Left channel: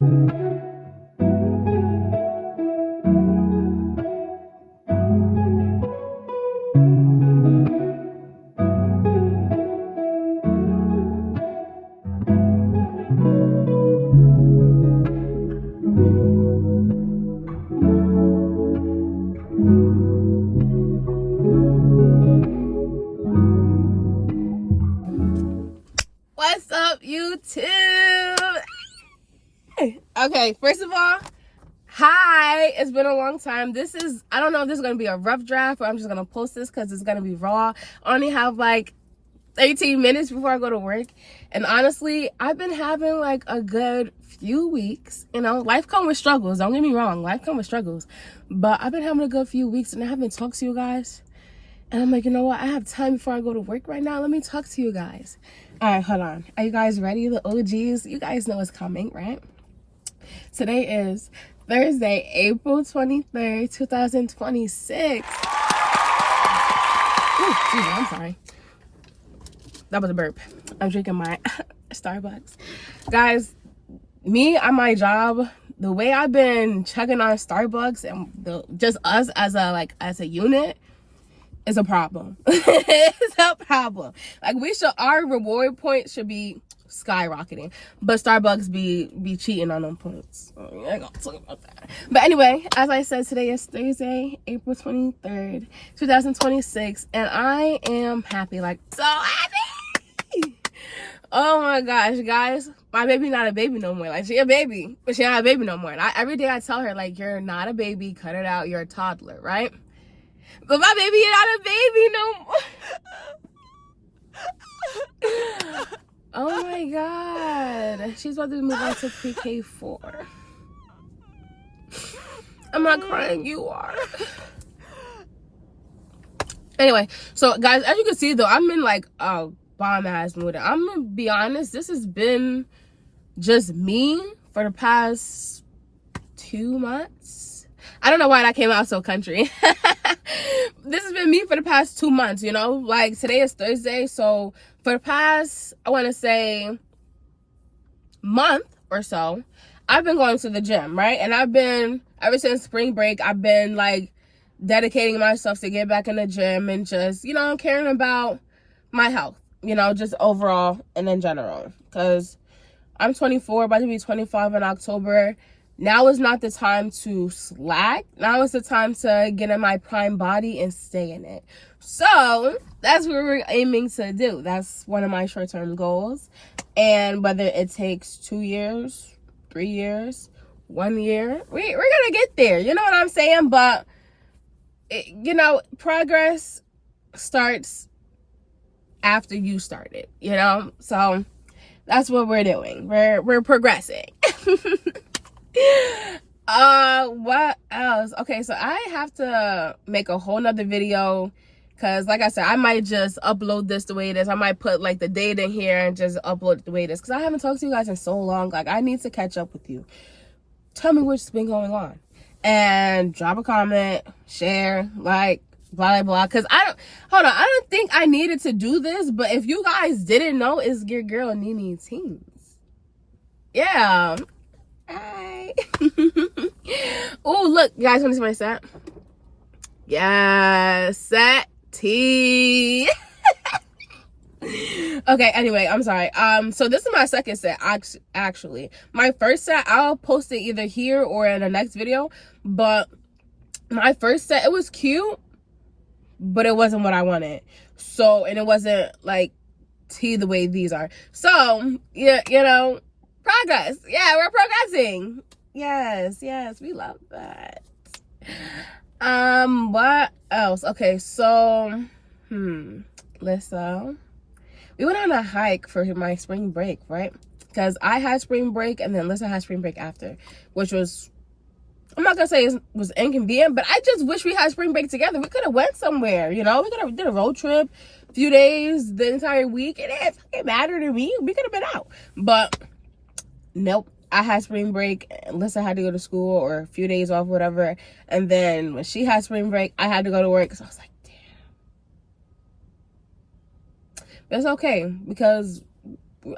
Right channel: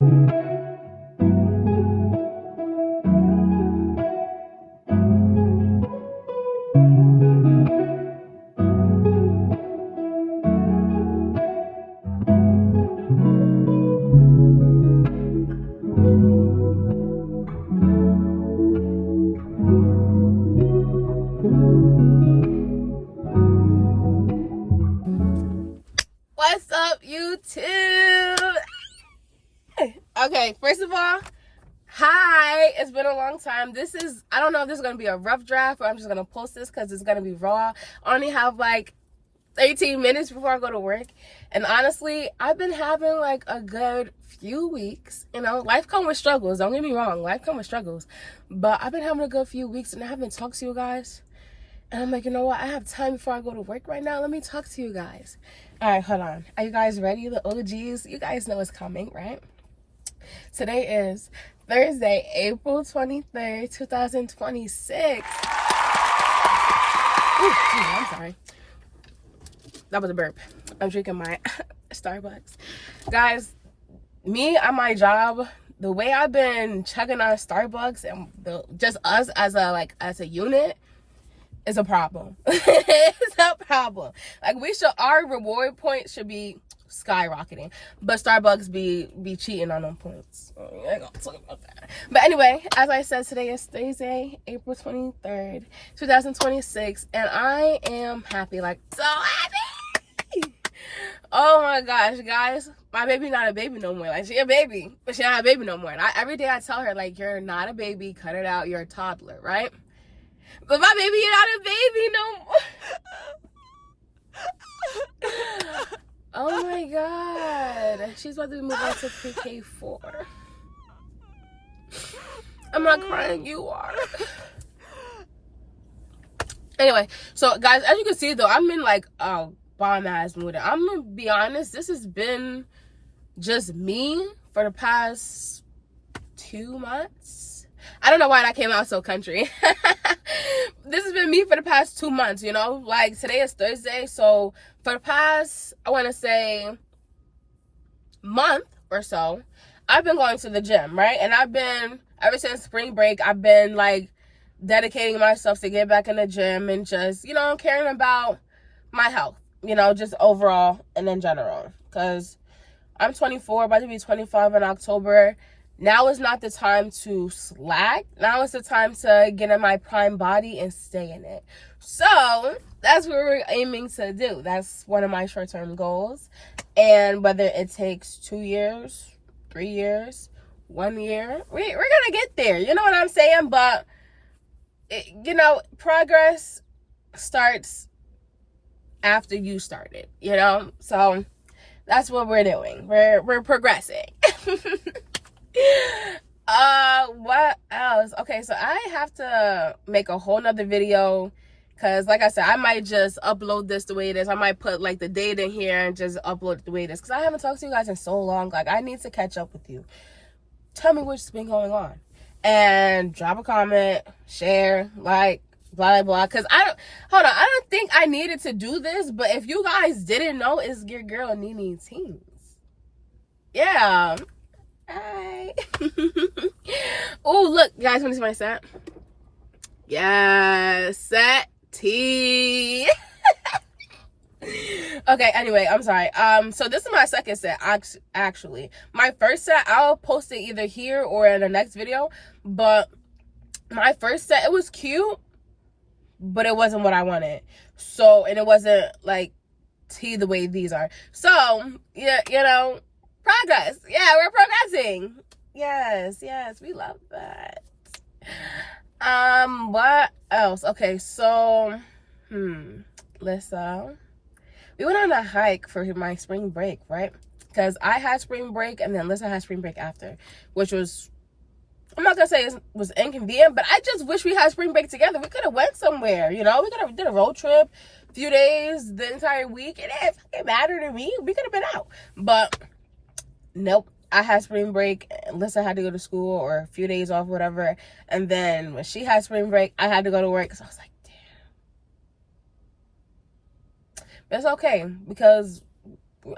What's up, YouTube? Okay, first of all, hi. It's been a long time. I don't know if this is going to be a rough draft or I'm just going to post this because it's going to be raw. I only have like 18 minutes before I go to work. And honestly, I've been having like a good few weeks. You know, life comes with struggles. Don't get me wrong. Life comes with struggles. But I've been having a good few weeks and I haven't talked to you guys. And I'm like, you know what? I have time before I go to work right now. Let me talk to you guys. All right, hold on. Are you guys ready? The OGs, you guys know what's coming, right? Today is Thursday, April 23rd, 2026. Ooh, I'm sorry. That was a burp. I'm drinking my Starbucks. Guys, me on my job, the way I've been chugging on Starbucks and just us as a unit, is a problem. It's a problem. Like our reward points should be skyrocketing, but Starbucks be cheating on them points. I ain't gonna talk about that. But anyway, as I said, today is Thursday, April 23rd, 2026, and I am happy, like so happy. Oh my gosh, guys, my baby not a baby no more. Like she a baby, but she not a baby no more. And every day I tell her, like, you're not a baby, cut it out, you're a toddler, right? But my baby is not a baby no more. Oh my god. She's about to move on to pre-K4. I'm not crying, you are. Anyway, so guys, as you can see though, I'm in like a bomb ass mood. I'm gonna be honest, this has been just me for the past 2 months. I don't know why that came out so country. This has been me for the past 2 months, you know? Like, today is Thursday, so for the past, I want to say, month or so, I've been going to the gym, right? And ever since spring break, I've been, like, dedicating myself to get back in the gym and just, you know, caring about my health, you know, just overall and in general. Because I'm 24, about to be 25 in October. Now is not the time to slack. Now is the time to get in my prime body and stay in it. So that's what we're aiming to do. That's one of my short-term goals. And whether it takes 2 years, 3 years, 1 year, we're going to get there. You know what I'm saying? But, you know, progress starts after you start it, you know? So that's what we're doing. We're progressing. What else? Okay, so I have to make a whole nother video because, like I said, I might just upload this the way it is. I might put like the date in here and just upload it the way it is because I haven't talked to you guys in so long. Like, I need to catch up with you. Tell me what's been going on and drop a comment, share, like, blah blah blah. Because I don't think I needed to do this, but if you guys didn't know, it's your girl Denise.thingz. Yeah. Hi. Oh, look, you guys want to see my set? Yes, set T. Okay, anyway, I'm sorry. So this is my second set, actually. My first set, I'll post it either here or in the next video. But my first set, it was cute, but it wasn't what I wanted. So, and it wasn't like T the way these are. So, yeah, you know, progress. Yeah, we're progressing. Yes, we love that. What else? Okay, so Lissa, we went on a hike for my spring break, right? Because I had spring break and then Lissa had spring break after, which was, I'm not gonna say it was inconvenient, but I just wish we had spring break together. We could have went somewhere, you know? We could have did a road trip, a few days, the entire week. It didn't fucking matter to me. We could have been out. But nope. I had spring break. Lissa had to go to school or a few days off, whatever. And then when she had spring break, I had to go to work. So I was like, damn. But it's okay because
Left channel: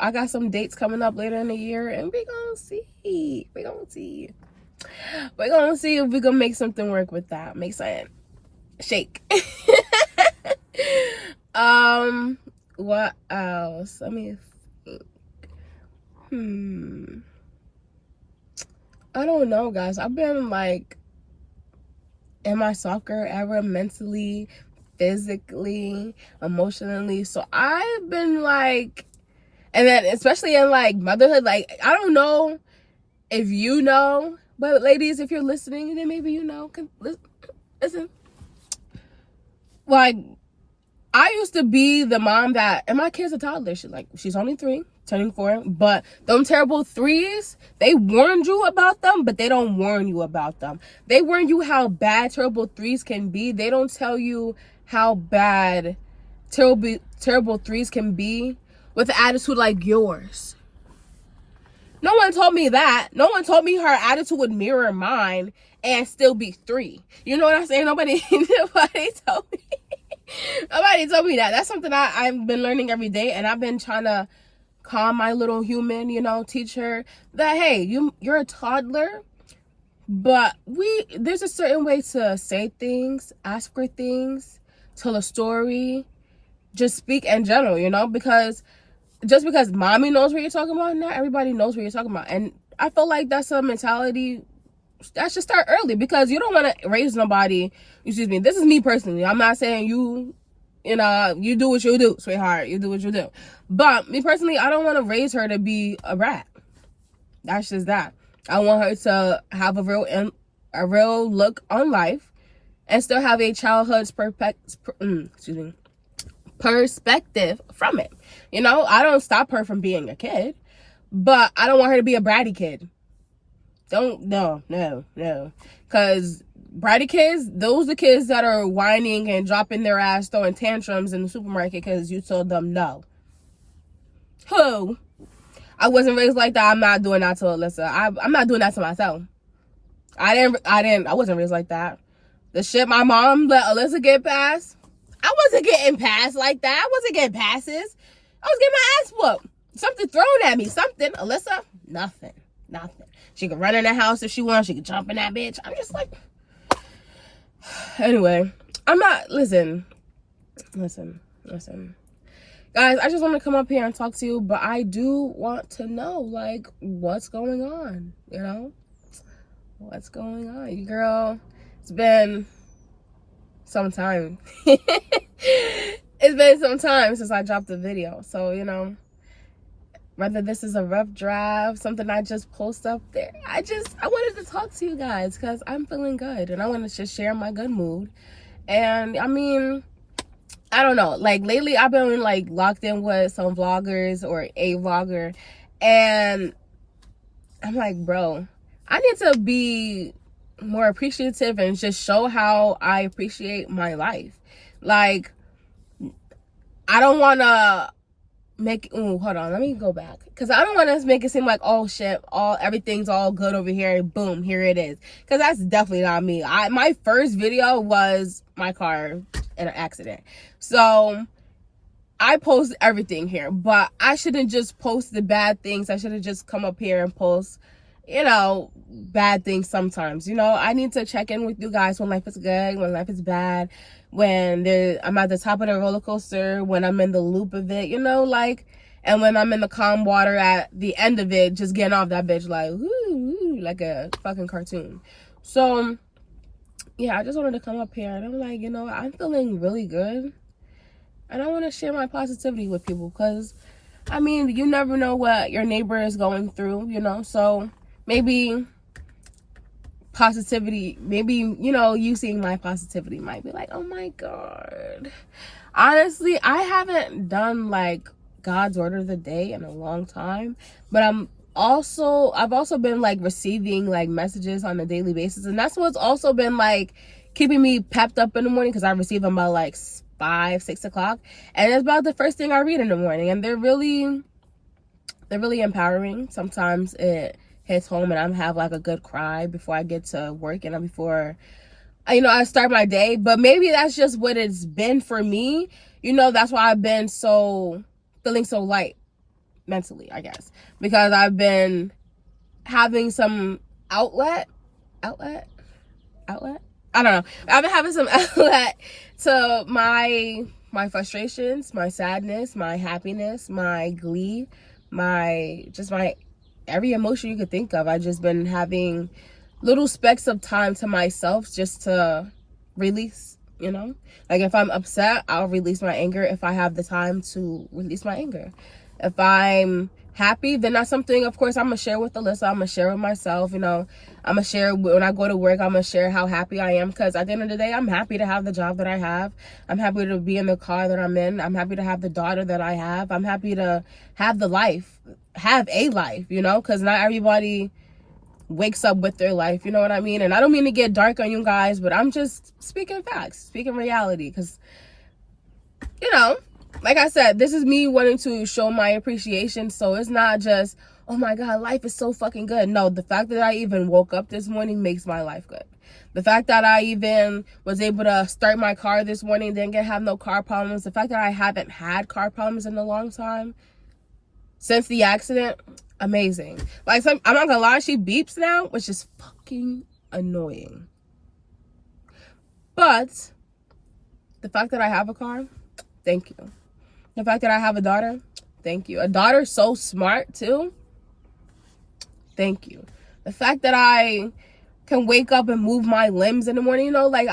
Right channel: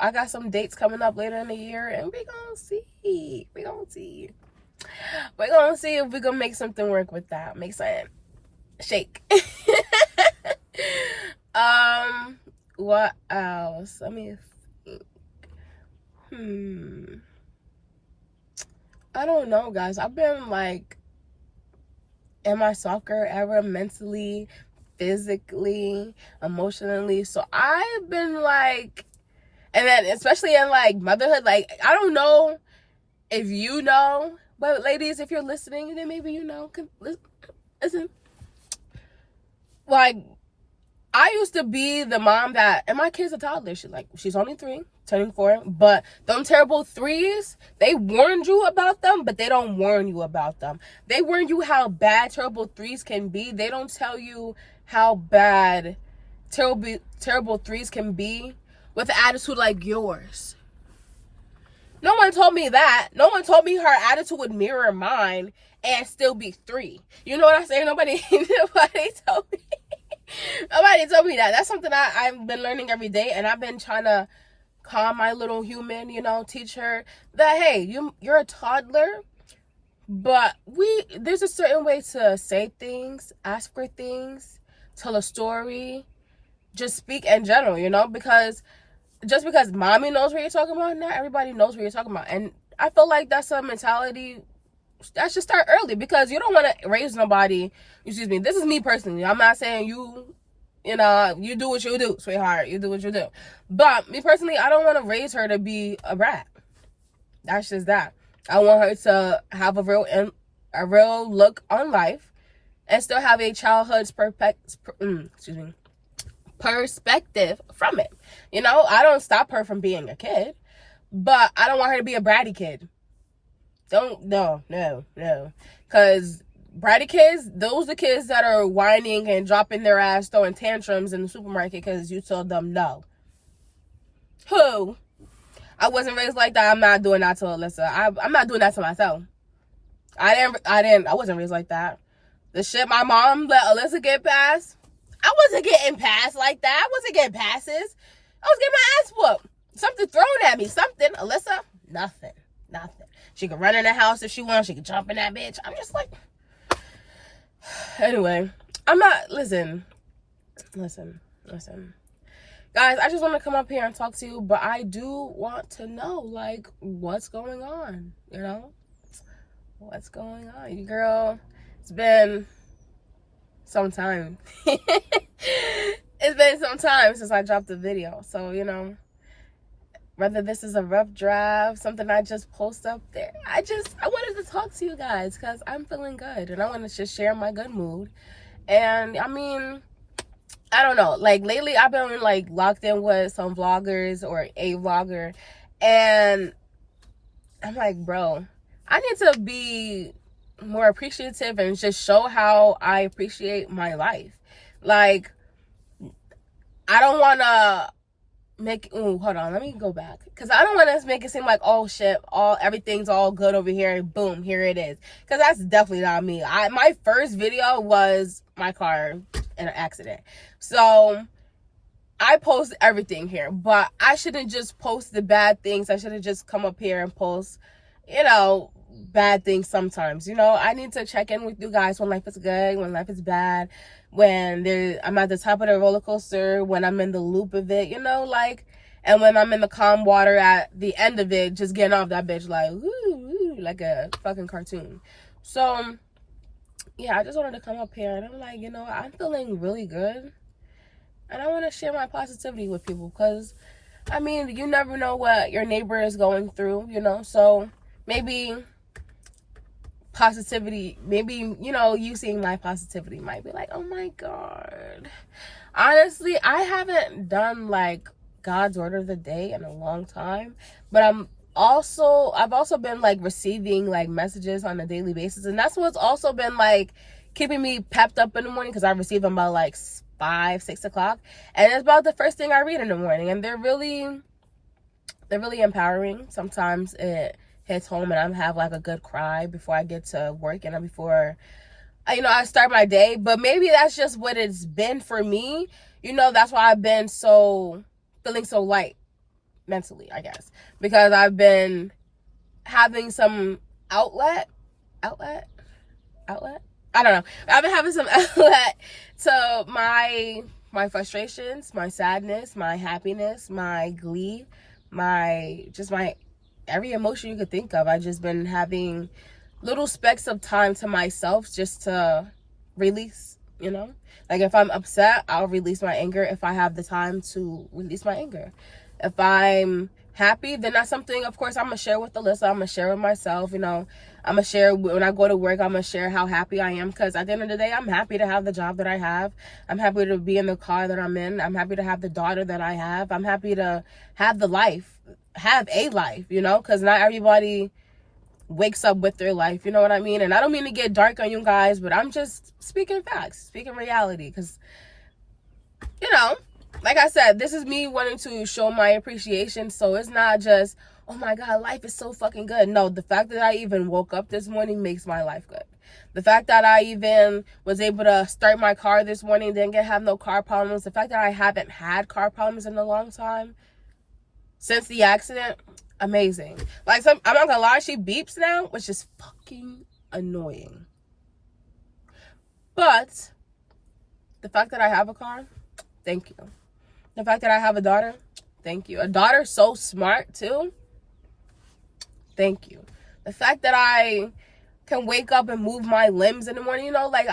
I got some dates coming up later in the year, and we're gonna see. We're gonna see. We're gonna see if we can make something work with that. Make something shake. What else? Let me think. I don't know, guys. I've been like in my soccer era, mentally, physically, emotionally. So I've been like, and then especially in like motherhood, like I don't know if you know, but ladies, if you're listening, then maybe you know. Listen, like I used to be the mom that, and my kid's a toddler. She's only 3, turning 4. But them terrible 3s, they warned you about them, but they don't warn you about them. They warn you how bad terrible 3s can be. They don't tell you how bad terrible 3s can be with an attitude like yours. No one told me that. No one told me her attitude would mirror mine and still be 3. You know what I'm saying? Nobody told me. Nobody told me that. That's something I've been learning every day, and I've been trying to calm my little human, you know, teach her that, hey, you're a toddler, but there's a certain way to say things, ask for things, tell a story, just speak in general, you know, because just because mommy knows what you're talking about, not everybody knows what you're talking about. And I feel like that's a mentality that should start early, because you don't want to raise nobody. Excuse me, this is me personally. I'm not saying you know, you do what you do, sweetheart. You do what you do. But me personally, I don't want to raise her to be a brat. That's just that. I want her to have a real look on life and still have a childhood's perspective from it. You know, I don't stop her from being a kid, but I don't want her to be a bratty kid. No. Because bratty kids, those are the kids that are whining and dropping their ass, throwing tantrums in the supermarket because you told them no. Who? I wasn't raised like that. I'm not doing that to Alyssa. I'm not doing that to myself. I wasn't raised like that. The shit my mom let Alyssa get past, I wasn't getting past like that. I wasn't getting passes. I was getting my ass whooped. Something thrown at me. Something. Alyssa, nothing. She could run in the house if she wants. She could jump in that bitch. I'm just like... Anyway, I'm not... Listen. Guys, I just want to come up here and talk to you, but I do want to know, like, what's going on, you know? What's going on? You girl, it's been some time. It's been some time since I dropped a video, so, you know, whether this is a rough draft, something I just post up there, I wanted to talk to you guys because I'm feeling good and I want to just share my good mood. And I mean, I don't know, like lately I've been like locked in with some vloggers or a vlogger, and I'm like, bro, I need to be more appreciative and just show how I appreciate my life. Like, I don't want to hold on, let me go back, because I don't want to make it seem like, oh shit, everything's all good over here, boom, here it is, because that's definitely not me. My first video was my car in an accident, so I post everything here, but I shouldn't just post the bad things. I should have just come up here and post, you know, bad things sometimes. You know, I need to check in with you guys when life is good, when life is bad, when I'm at the top of the roller coaster, when I'm in the loop of it, you know, like, and when I'm in the calm water at the end of it, just getting off that bitch like, woo, like a fucking cartoon. So, yeah, I just wanted to come up here and I'm like, you know, I'm feeling really good. And I want to share my positivity with people because, I mean, you never know what your neighbor is going through, you know, so maybe positivity, maybe, you know, you seeing my positivity might be like, oh my God. Honestly, I haven't done like God's order of the day in a long time, but I've also been like receiving like messages on a daily basis, and that's what's also been like keeping me pepped up in the morning, because I receive them about like 5-6 o'clock, and it's about the first thing I read in the morning, and they're really empowering. Sometimes it hits home and I have like a good cry before I get to work and before, you know, I start my day. But maybe that's just what it's been for me, you know. That's why I've been feeling so light, mentally, I guess, because I've been having some outlet. I don't know. I've been having some outlet to my frustrations, my sadness, my happiness, my glee, my every emotion you could think of. I just been having little specks of time to myself just to release, you know? Like if I'm upset, I'll release my anger if I have the time to release my anger. If I'm happy, then that's something, of course, I'm going to share with Alyssa. I'm going to share with myself, you know. I'm going to share when I go to work. I'm going to share how happy I am, because at the end of the day, I'm happy to have the job that I have. I'm happy to be in the car that I'm in. I'm happy to have the daughter that I have. I'm happy to have a life, you know, because not everybody wakes up with their life, you know what I mean? And I don't mean to get dark on you guys, but I'm just speaking facts, speaking reality, because, you know, like I said, this is me wanting to show my appreciation. So it's not just, oh my God, life is so fucking good. No, the fact that I even woke up this morning makes my life good. The fact that I even was able to start my car this morning, didn't have no car problems. The fact that I haven't had car problems in a long time since the accident, amazing. Like, I'm not gonna lie, she beeps now, which is fucking annoying. But the fact that I have a car, thank you. The fact that I have a daughter, thank you. A daughter so smart too, thank you. The fact that I can wake up and move my limbs in the morning, you know, like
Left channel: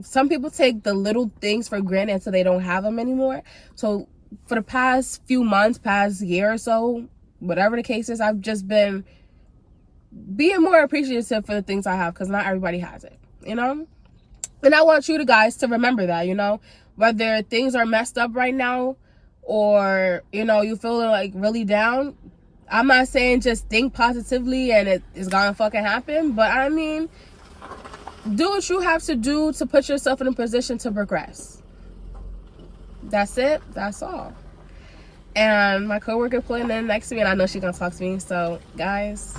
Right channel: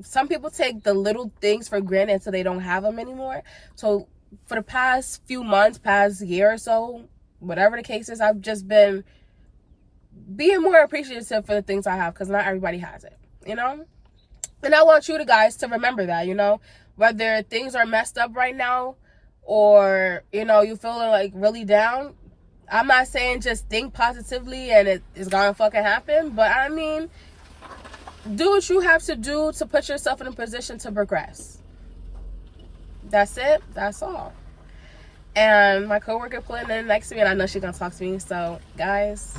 some people take the little things for granted until they don't have them anymore. So for the past few months, past year or so, whatever the case is, I've just been being more appreciative for the things I have, because not everybody has it, you know? And I want you guys to remember that, you know? Whether things are messed up right now, or, you know, you feel like really down, I'm not saying just think positively and it's gonna fucking happen, but I mean, do what you have to do to put yourself in a position to progress. That's it. That's all. And my coworker pulling in next to me, and I know she's gonna talk to me. So, guys,